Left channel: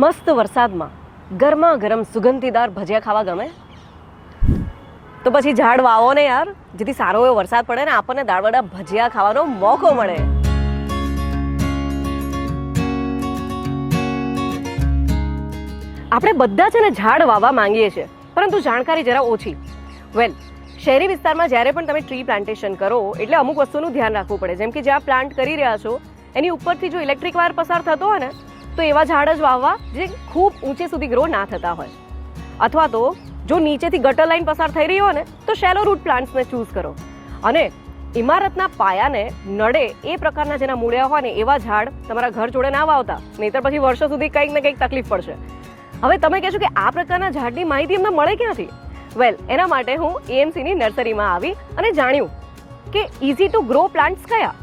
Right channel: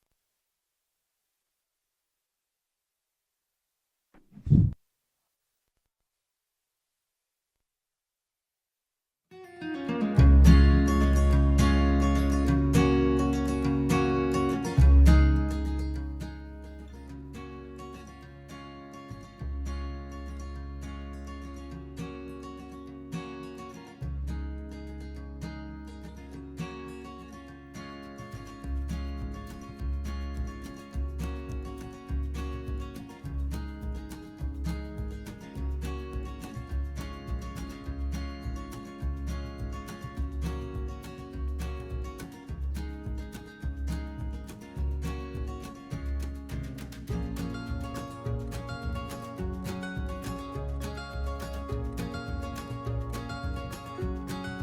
મસ્ત વરસાદમાં ગરમા ગરમ સુગંધીદાર ભજીયા ખાવા ગમે? તો પછી ઝાડ વાવો ને યાર. જેથી સારો એવો વરસાદ પડે ને આપણને દાળવડા ભજીયા ખાવાનો મોકો મળે. આપણે બધા છે ને ઝાડ વાવવા માંગીએ છીએ, પરંતુ જાણકારી જરા ઓછી. વેલ શહેરી વિસ્તારમાં જ્યારે પણ તમે ટ્રી પ્લાન્ટેશન કરો, એટલે અમુક વસ્તુનું ધ્યાન રાખવું પડે. જેમ કે જ્યાં પ્લાન્ટ કરી રહ્યા છો, એની ઉપરથી જો ઇલેક્ટ્રિક વાયર પસાર થતો હોય ને તો એવા ઝાડ જ વાવવા જે ખૂબ ઊંચે સુધી ગ્રો ના થતા હોય. અથવા તો જો નીચેથી ગટર લાઈન પસાર થઈ રહી હોય ને, તો શેલો રૂટ પ્લાન્ટ્સને ચૂઝ કરો. અને ઇમારતના પાયાને નડે એ પ્રકારના જેના મૂળિયા હોય ને, એવા ઝાડ તમારા ઘર જોડે ના વાવતા. નહીતર પછી વર્ષો સુધી કંઈક ને કંઈક તકલીફ પડશે. હવે તમે કહેશો કે આ પ્રકારના ઝાડની માહિતી એમને મળે ક્યાંથી? વેલ એના માટે હું એએમસીની નર્સરીમાં આવી અને જાણ્યું કે ઇઝી ટુ ગ્રો પ્લાન્ટ્સ કયા?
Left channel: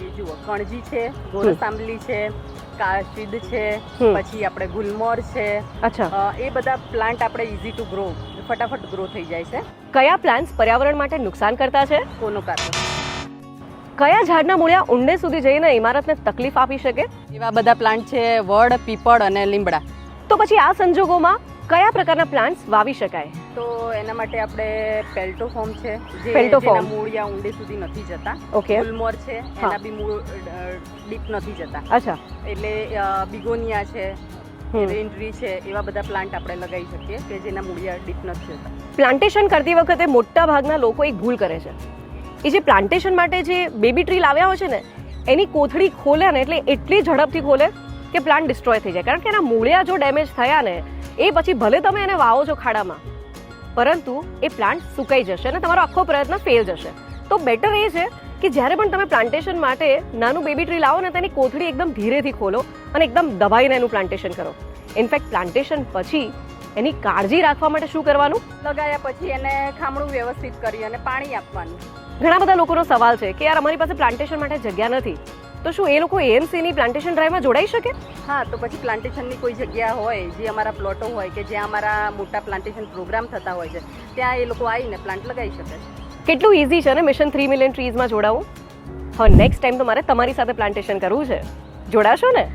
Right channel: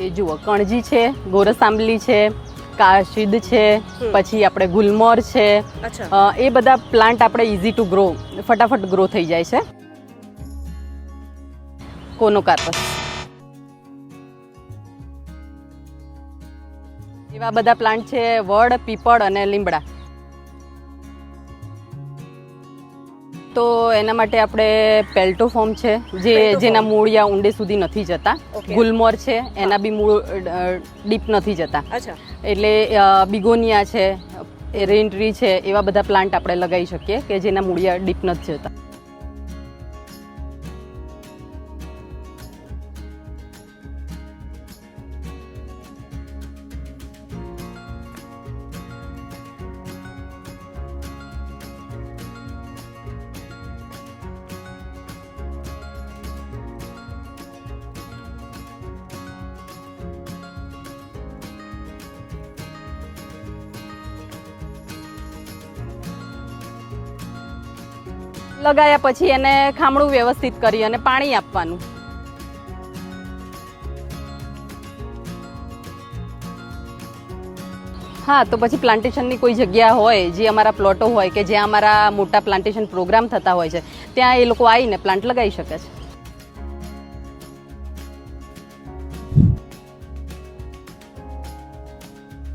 એ જુઓ, કણજી છે, ગોરસ આંબલી છે કાશીદ છે પછી આપણે ગુલમોર છે. અચ્છા. એ બધા પ્લાન્ટ આપણે ઇઝી ટુ ગ્રો ફટાફટ ગ્રો થઈ જાય છે. કયા પ્લાન્ટ્સ પર્યાવરણ માટે નુકસાન કરતા છે? કોનો કોનોકાર્પસ કયા ઝાડના મૂળિયા ઊંડે સુધી જઈને ઇમારતને તકલીફ આપી શકે? એવા બધા પ્લાન્ટ છે વડ પીપળ અને લીમડા. તો પછી આ સંજોગોમાં કયા પ્રકારના પ્લાન્ટ્સ વાવી શકાય? તો એના માટે આપણે પેલ્ટોફોર્મ છે જે. જેના મૂળિયા ઊંડે સુધી નથી જતા. ગુલમોર છે એના બી મૂળ ડીપ નથી જતા. અચ્છા. એટલે બિગોનિયા છે રેન્ટ્રી છે એવા બધા પ્લાન્ટ આપણે લગાવી શકીએ કે જેના મૂળિયા ડીપ નથી જતા. પ્લાન્ટેશન કરતી વખતે મોટા ભાગના લોકો એક ભૂલ કરે છે. એ જે પ્લાન્ટેશન માટે જે બેબી ટ્રી લાવ્યા હોય છે ને એની કોથળી ખોલે ને એટલે એટલી ઝડપથી ખોલે કે પ્લાન્ટ ડિસ્ટ્રોય થઈ જાય. કારણ કે એના મૂળિયા જો ડેમેજ થયા ને, એ પછી ભલે તમે એને વાવો છો ખાડામાં, પરંતુ એ પ્લાન્ટ સુકાઈ જશે અને તમારો આખો પ્રયત્ન ફેલ જશે. તો બેટર એ છે કે જ્યારે પણ તમે પ્લાન્ટેશન માટે નાનું બેબી ટ્રી લાવો ને, તેની કોથળી એકદમ ધીરેથી ખોલો અને એકદમ દબાઈને એનું પ્લાન્ટેશન કરો. ઇનફેક્ટ પ્લાન્ટેશન પછી એની કાળજી રાખવા માટે શું કરવાનું? લગાયા પછી એને ખામણું વ્યવસ્થિત કરી અને પાણી આપવાનું. ઘણા બધા લોકોનો સવાલ છે કે યાર અમારી પાસે પ્લાન્ટેશન માટે જગ્યા નથી. તો શું એ લોકો એએમસીની પ્લાન્ટેશન ડ્રાઈવમાં જોડાઈ શકે? હા તો પછી પ્લાન્ટેશનની કોઈ જગ્યા હોય જે અમારા પ્લોટો હોય કે જ્યાં અમારા મોટા પ્લાન્ટેશન પ્રોગ્રામ થતા હોય છે ત્યાં એ લોકો આવીને પ્લાન્ટ લગાવી શકે છે. કેટલું ઇઝી છે ને મિશન થ્રી મિલિયન ટ્રીઝમાં જોડાવું? હવે નેક્સ્ટ ટાઈમ તો મારે તમારી સાથે પ્લાન્ટેશન કરવું છે. જોડાશો ને?